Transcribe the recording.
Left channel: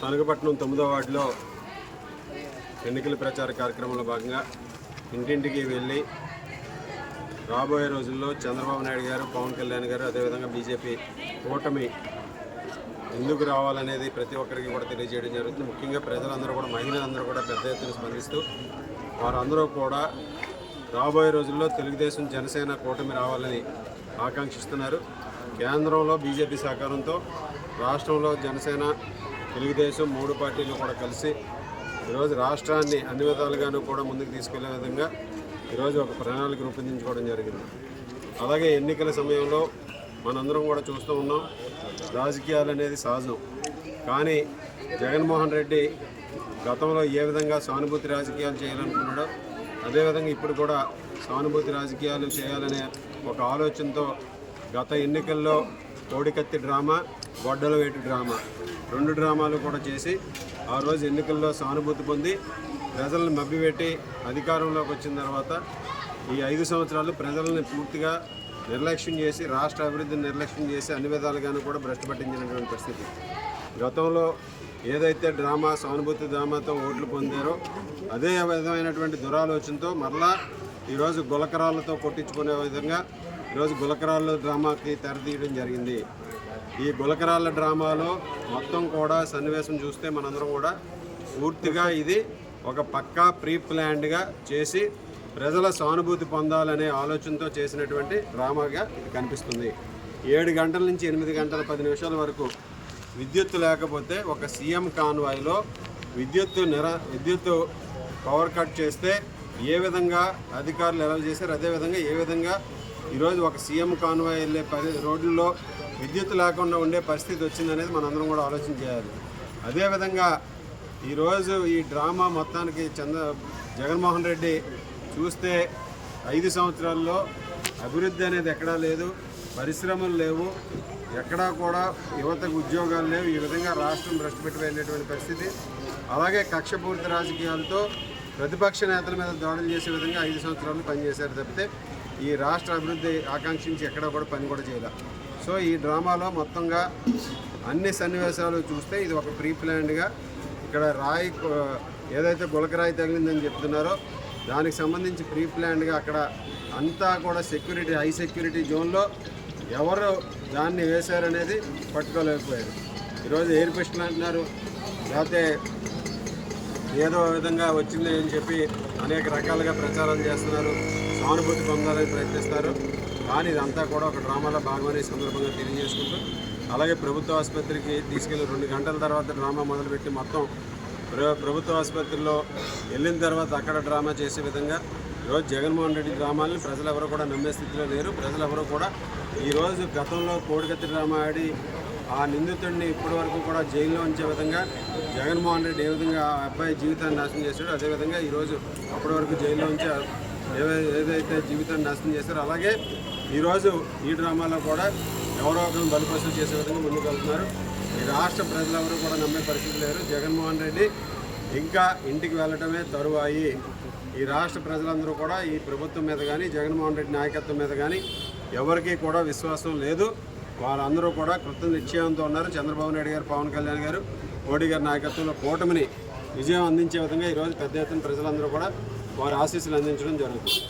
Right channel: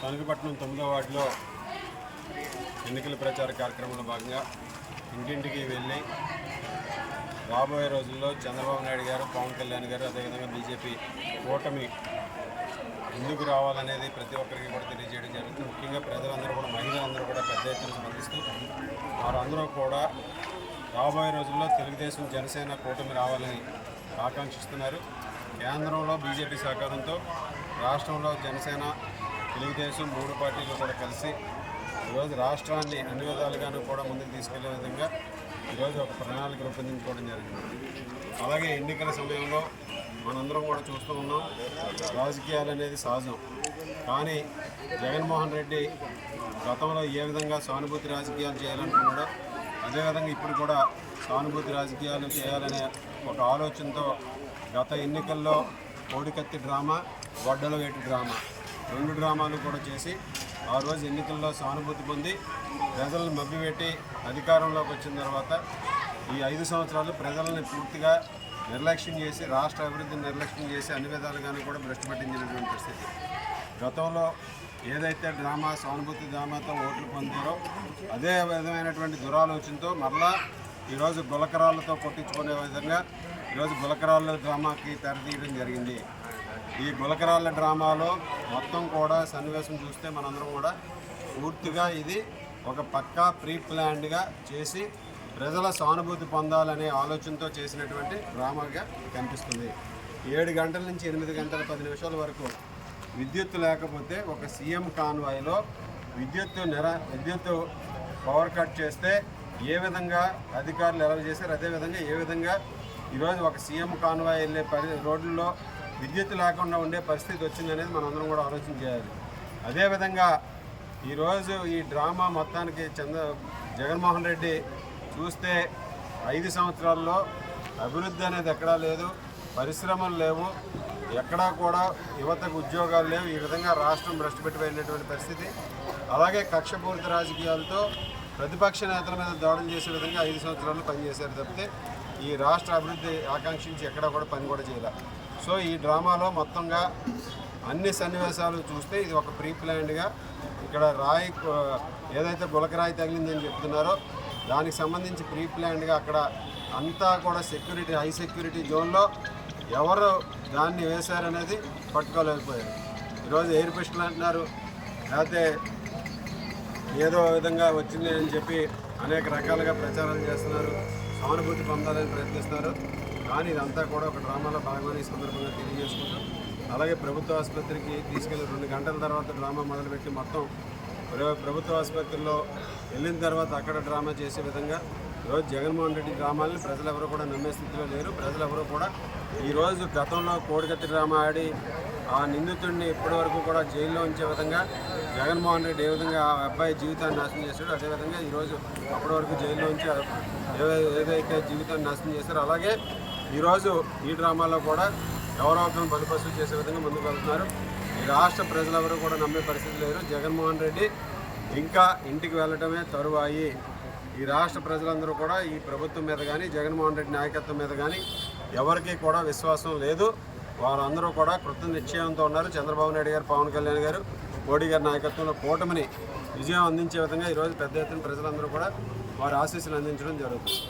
తణుకుపట్నం తొమ్మిదో వార్డులో ఎన్నికల ప్రచార కార్యక్రమంలో భాగంగా ఇంటింటికి వెళ్ళి రాబోయే రోజుల్లో చంద్రబాబు నాయుడు గారు పవన్ కళ్యాణ్ గారు అదేవిధంగా బీజేపీ కూటమి ఎందుకు రావాలనేది ప్రతి ఒక్కరికి కూడా తెలియజేయడం జరుగుతుంది. ముఖ్యంగా ప్రజలందరూ కూడా మహిళలందరూ కూడా పెద్ద ఎత్తున స్పందిస్తూ వారందరూ కూడా రాబోయే రోజుల్లో తెలుగుదేశం జనసేన కూటమి రావాలని ఆకాంక్షిస్తున్నారు. కేంద్రంలో బీజేపీ సహకారంతో రాష్ట్రంలో జనసేన తెలుగుదేశం మూడు పార్టీలు కూడా కలిసి ఈరోజు రాష్ట్రాన్ని అన్ని విధాలుగాను కూడా ముందుకు తీసుకెళ్ళే విధంగా ఈరోజు ఒక ప్రణాళిక రూపొందించుకోవడం జరిగింది. అలాగే ఎన్నికల సమయంలో మనందరం కూడా చూస్తూ ఉన్నాం రాజకీయాలు అనేది సహజం. కానీ జగన్మోహన్ రెడ్డి గతంలో ఏ విధంగా సానుభూతి రాజకీయాలు చేయాలనుకున్నాడో అదేవిధంగా ఇప్పుడు కూడా సానుభూతి రాజకీయాలు చేయాలనే ఒక ఆలోచనతో గత ఎన్నికల్లో కోడికత్తి డ్రామా గొడ్డల వేటి డ్రామా రెండు డ్రామాలు కూడా చేసి ఆ రోజు ఎన్నికల్లో సానుభూతి పొంది ప్రజలను మభ్యపెట్టి అధికారంలోకి వచ్చిన తర్వాత ఈ ఐదు సంవత్సరాలు ప్రజలను పూర్తిగా నిర్లక్ష్యం చేసి రాష్ట్ర అభివృద్ధిని నిర్లక్ష్యం చేసి అన్ని విధాలుగాను కూడా భ్రష్టు పట్టించినటువంటి పరిస్థితి. గతంలో ఏదైతే డ్రామా సానుభూతి డ్రామాతో ఓట్లు పొందారో అదే విధమైనటువంటి దురాలోచనతో మరలా ఈరోజు గులకరాలతో కొట్టించుకునే విధంగా ఈరోజు గులకరాళ్ళ డ్రామాకి తెరదీయడం జరిగింది. ఈ గులకరాళ్ళ డ్రామాలో మొత్తం కూడా సన్నివేశం చూస్తే మనందరం కూడా పూర్తిగా ఇది ఒక పక్కా ప్రీ ప్లాన్డ్గా చేసి ప్రజల సానుభూతి పొందాలనే ఆలోచనతో చేసినటువంటి డ్రామాగా కనిపిస్తుంది. ఏడు గంటల నుంచి ఎనిమిది గంటల పది నిమిషాల వరకు విద్యుత్ లేకపోతే ఒక సీఎం కాన్వాయ్లో విద్యుత్ నిర విద్యుత్ పవర్ కట్ చేస్తే ఏ విధంగా అధికారులు ఎలా చేశారు అదేవిధంగా ఏ విధంగా ఈరోజు ఒక సీఎం కాన్వాయ్ వెళ్ళే పరి రోడ్లలో విద్యుత్ లేకుండా ఉండే పరిస్థితి వచ్చిందనేది మనందరం కూడా ఆలోచన చేయాలి. అదేవిధంగా ఈరోజు ఈ డ్రామా మొత్తానికి చంద్ర జగన్మోహన్ రెడ్డి చూస్తే ఐదు సంవత్సరాల్లో అభివృద్ధి అనేది ఎక్కడా లేదు పరిశ్రమలు లేవు ఎక్కడా కూడా యువతకు ఉద్యోగాలు లేవు ఈ విధంగా రాష్ట్రం భ్రష్టు పెట్టి వెళ్ళినటువంటి పరిస్థితి. అలాగే కక్షపూరిత రాజకీయాలతో ప్రతిపక్ష నేతల మీద దాడులు చేసే విధంగా ఐదు సంవత్సరాలు పనిచేశారు తప్పితే ఈ రాష్ట్ర అభివృద్ధి ఆకాంక్షించి ఎక్కడ కూడా పని కూడా చేయలే. సో ఈ డ్రామాలో మొత్తంగా అన్ని సన్నివేశాలు చూస్తే ఇది ఒక ప్రీ ప్లాన్డ్గా ఇక్కడ రాయి ఏదైతే గులకరాయి తగిలిందని చెప్తున్నారో దానికి సంబంధించి ప్రీ ప్లాన్డ్గా అక్కడ అంతా కూడా సెక్యూరిటీ హై సెక్యూరిటీ జోన్లో ఎవరు దాన్ని వేశారనేది పట్టుకోలేకపోయారు. ఈరోజు ఎయిర్ పిస్టల్ అంటున్నారు. లేకపోతే ఏదో విధంగా వచ్చింది అని చెప్పి అనేక రకాలుగా ప్రచారాలు చేస్తున్నారు. సానుభూతి పొందాలని ప్రయత్నిస్తారు. కానీ ఇదంతా కూడా ఒక డ్రామాలో భాగమని సందర్భంగా తెలియజేసుకుంటూ అలాగే ప్రభుత్వ ఆసుపత్రికి తీసుకెళ్ళి రెండు గంటల తర్వాత డ్రామా మొదలుపెట్టి మొత్తం ప్ర- ప్రభుత్వ ఆసుపత్రిలో వెళ్ళిన తర్వాత అక్కడ డ్రామా చేసే విధంగా ఈరోజు జగన్మోహన్ రెడ్డి డ్రామాలని ప్రజలు ఎవరు కూడా నమ్మే స్థితిలో లేరు. ప్రజలు ఎవరు కూడా ఈరోజు గతంలో కోడికత్తి డ్రామా ఆడి ఆ నిందితుడిని ఇప్పటి వరకు కూడా జైల్లో ఉంచే విధంగా జగన్మోహన్ రెడ్డి ఏ విధంగా ఆ అబ్బాయి జీవితాన్ని నాశనం చేశాడో అదేవిధంగా ఈరోజు అప్పటి వరకు జైల్లో ఉంచి ఏ- ఏదైతే జీవితాన్ని నాశనం చేశారో అలాగే ఈరోజు ఈ డ్రామాలో కూడా ఎవరో ఒకరిని బలిపశులు చేసే విధంగా ముందుకు వెళ్తున్నారు. ఈ రాష్ట్ర ప్రజలెవరూ కూడా నమ్మే పరిస్థితి లేరు జగన్మోహన్ రెడ్డి ఇంకా ఇంటికి వెళ్ళటమే తరువాయి. ఈ రాష్ట్ర ప్రజలందరూ కూడా ఈ ప్రభుత్వం మీద కానీ జగన్మోహన్ రెడ్డి నాయకత్వం మీద కానీ ఎవరికీ కూడా విశ్వాసం లేదు. వారందరూ కూడా కృత నిశ్చయంతో ఉన్నారు. చంద్రబాబు నాయుడు గారు పవన్ కళ్యాణ్ గారు. మోడీ గారి నాయకత్వంలో కూటమిని విజయం అందించే విధంగా ఈరోజు పెద్ద ఎత్తున ప్రజలందరూ కూడా వారి ఆశీస్సులు అందించడం జరుగుతుంది.